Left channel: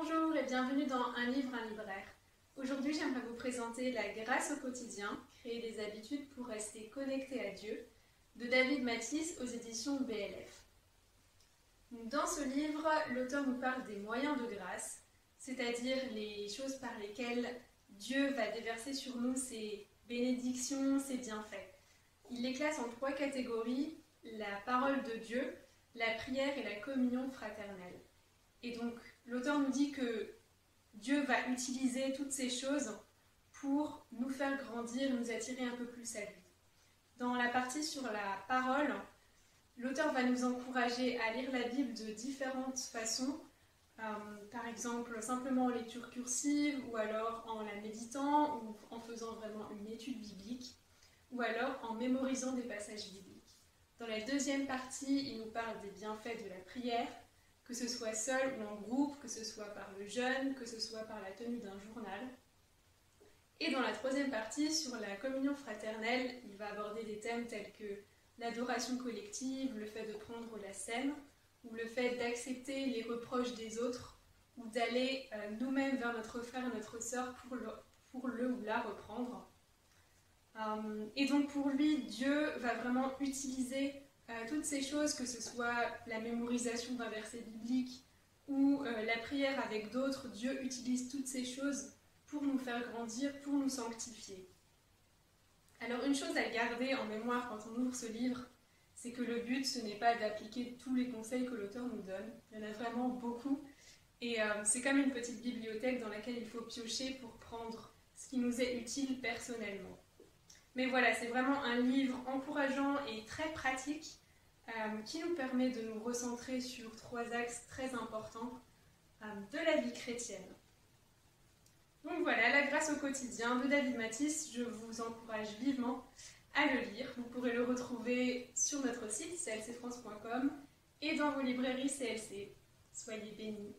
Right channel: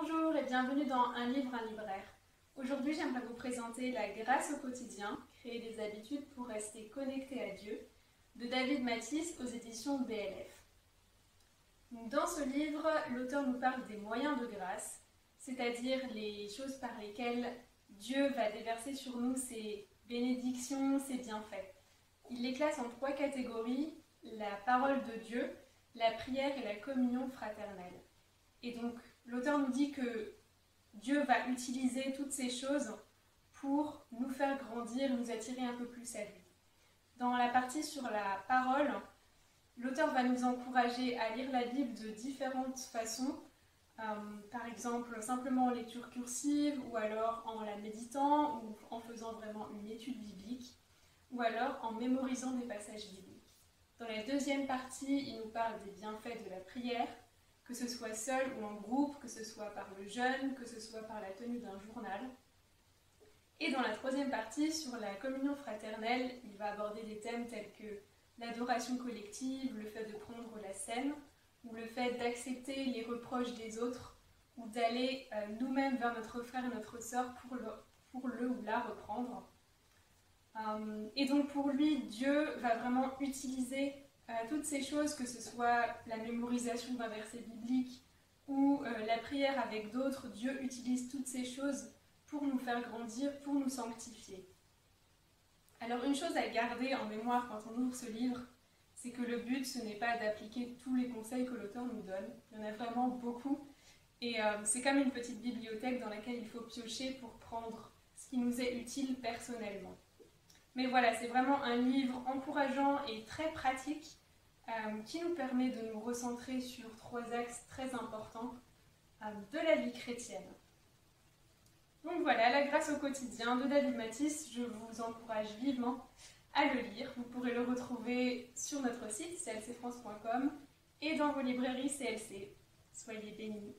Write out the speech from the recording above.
Bonjour et bienvenue dans Un livre, un libraire. Aujourd'hui, j'aimerais vous présenter La grâce au quotidien, créer des habitudes pour rester connecté à Dieu, de David Mathis aux éditions BLF. Dans ce livre, l'auteur nous parle des moyens de grâce, c'est-à-dire les choses par lesquelles Dieu va déverser sur nous ses bénédictions, ses bienfaits. Il les classe en 3 catégories: la parole de Dieu, la prière et la communion fraternelle. Et donc, l'auteur nous dit que Dieu va utiliser toutes ces choses pour nous faire grandir, nous attirer un peu plus à lui. Dans la partie sur la parole, l'auteur va nous encourager à lire la Bible de différentes façons, par exemple simplement en lecture cursive, ou alors en la méditant, ou en faisant vraiment une étude biblique, ou alors en mémorisant des passages bibliques. Dans la deuxième partie, il nous parle des bienfaits de la prière, que ce soit seul ou en groupe, que ce soit par le jeûne, que ce soit par la tenue d'un journal. Et dans la troisième partie, sur la communion fraternelle, il va aborder des thèmes tels que l'adoration collective, le fait de prendre la scène, ou le fait d'accepter les reproches des autres, ou d'aller nous-mêmes vers notre frère et notre sœur pour le ou la reprendre. Et donc pour lui, Dieu va vraiment utiliser toutes ces choses, que ce soit la mémorisation d'un verset biblique ou la prière avec d'autres. Dieu utilise toutes ces choses pour nous faire grandir, pour nous sanctifier. Alors une chose à garder en mémoire quand on ouvre ce livre, c'est que le but, ce n'est pas d'appliquer tous les conseils que l'auteur nous donne. Il y en a vraiment beaucoup. Et c'est comme une petite bibliothèque dans laquelle il faut piocher pour prendre ce qui nous est utile personnellement. Mais voilà, c'est vraiment un livre encourageant et très pratique qui nous permet de nous recentrer sur 3 axes très importants de la vie chrétienne. Donc voilà, La grâce au quotidien de David Mathis, je vous encourage vivement à le lire. Vous pourrez le retrouver sur notre site clcfrance.com et dans vos librairies CLC. Soyez bénis.